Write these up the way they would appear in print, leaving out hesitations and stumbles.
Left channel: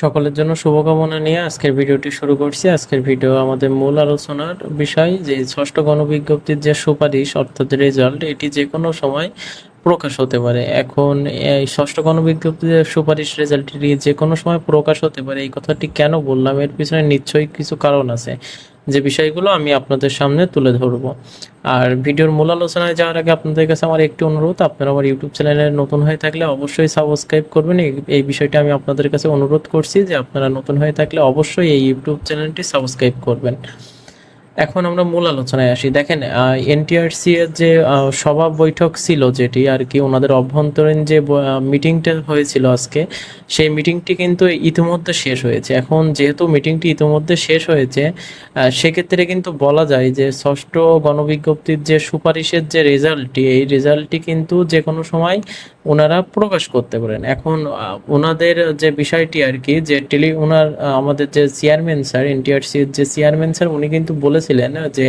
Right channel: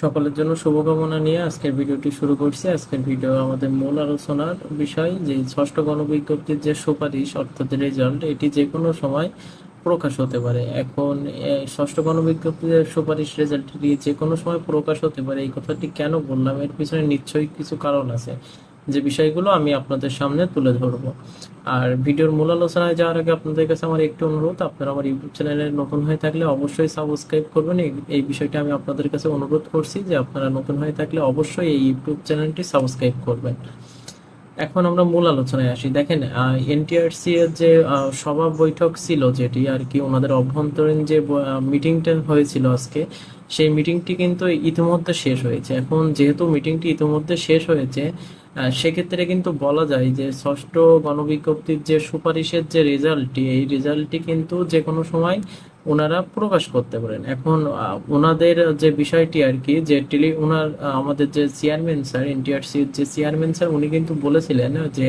সকলের জন্য শুভকামনা নিয়ে আজকের ভিডিওটি শুরু করছি। আজকের ভিডিও আমাদের মূল আলোচনার বিষয় যে ষষ্ঠ গণবিজ্ঞপ্তির যে সুপারিশ অর্থাৎ রেজাল্ট, এটি যে কোনো সময় প্রকাশ হতে পারে। এখন এই ষষ্ঠ গণবিজ্ঞপ্তির যে সুপারিশ রেজাল্টটি যে কোনো সময় প্রকাশ হতে পারে, এই কথাটি কেন বললাম, এর পিছনে নিশ্চয়ই কিছু কারণ আছে, যে বিষয়গুলো আমি আপনাদের সামনে তুলে ধরবো। আর ভিডিওর মূল আলোচনায় যাওয়ার আগে আপনাদের কাছে আমার একটি অনুরোধ, আপনারা আমার ইউটিউব চ্যানেলে নতুন হয়ে থাকলে অবশ্যই সাবস্ক্রাইব করবেন। এই বিষয়টা আমি আপনাদের কাছে অনুরোধ করছি যে আপনারা নতুন হয়ে থাকলে অবশ্যই এই ইউটিউব চ্যানেলটি সাবস্ক্রাইব করবেন। এখন আমরা মূল আলোচনায় আসি। দেখেন, এনটিআরসি এর যে সভা বৈঠক ছিল, যেটি আর কি ওনাদের অভ্যন্তরীণ যে মিটিংটা হয়েছিল আজকে, সেই মিটিংটি কিন্তু ইতিমধ্যে শেষ হয়েছে। এখন যেহেতু মিটিংটি ইতিমধ্যে শেষ হয়েছে, সেক্ষেত্রে কিন্তু বলা যায় যে ষষ্ঠ গণবিজ্ঞপ্তির যে সুপারিশের যে রেজাল্টটি, এই রেজাল্টটি কিন্তু যে কোনো সময় ওনারা প্রকাশ করতে পারেন। এখন ওনাদের যে বিষয়টি আর কি, যে আমাদের যে চেয়ারম্যান স্যার, এনটিআরসির যে চেয়ারম্যান স্যার, উনি কিন্তু বলেছিলেন যে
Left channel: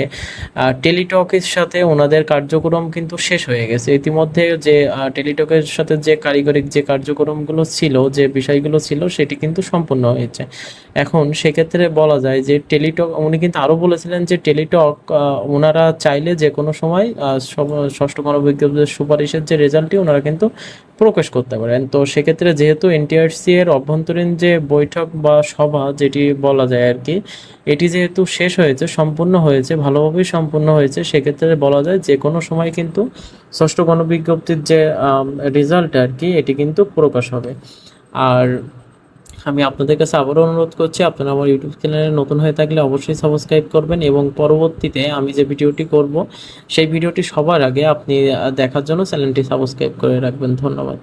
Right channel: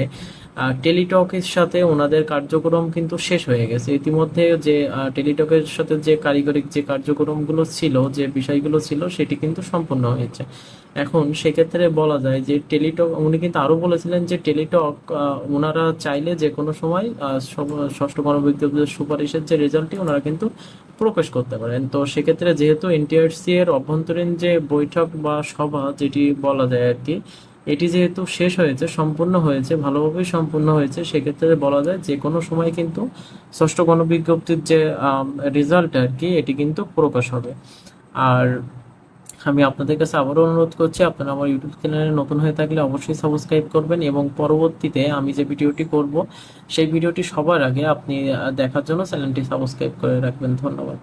টেলিটকের সাথে ওনাদের কার্যক্রম কিন্তু শেষ হয়ে গেছে ইতিমধ্যে। যে টেলিটকের সাথে যে কারিগরিক যে কার্যক্রমগুলো ছিল, যে বিষয়গুলো ছিল, সেটি কিন্তু সম্পূর্ণ হয়েছে। এখন সেক্ষেত্রে বলা যায় যে টেলিটক, উনি কিন্তু আরো বলেছিলেন যে টেলিটক ওনারা চাইলে যে কোনো সময় ষষ্ঠ গণবিজ্ঞপ্তির সুপারিশের যে রেজাল্টটি ওনারা কিন্তু প্রকাশ করতে পারেন। তো সেক্ষেত্রে যেহেতু এনটিআরসি এর অভ্যন্তরীণ যে বৈঠক বা সভা যেটি বলা যায় আর কি, এটি যেহেতু শেষ হয়েছে, সম্পূর্ণ হয়েছে, ভালোভাবেই সম্পূর্ণ হয়েছে, সেক্ষেত্রে বলা যায় যে কোনো সময় কিন্তু ষষ্ঠ গণবিজ্ঞপ্তির যে রেজাল্ট আর কি, এটি কিন্তু প্রকাশ হবে। আর আমি আপনাদের কাছে আবারও অনুরোধ করছি, আপনারা আমার ইউটিউব চ্যানেলে নতুন হয়ে থাকলে অবশ্যই সাবস্ক্রাইব করবেন, এবং পরবর্তীতে আমি যে ভিডিওটি করব, সেই ভিডিওটি সবার আগে আপনি দেখার জন্য চ্যানেলটি সাবস্ক্রাইব করে রাখবেন। ধন্যবাদ।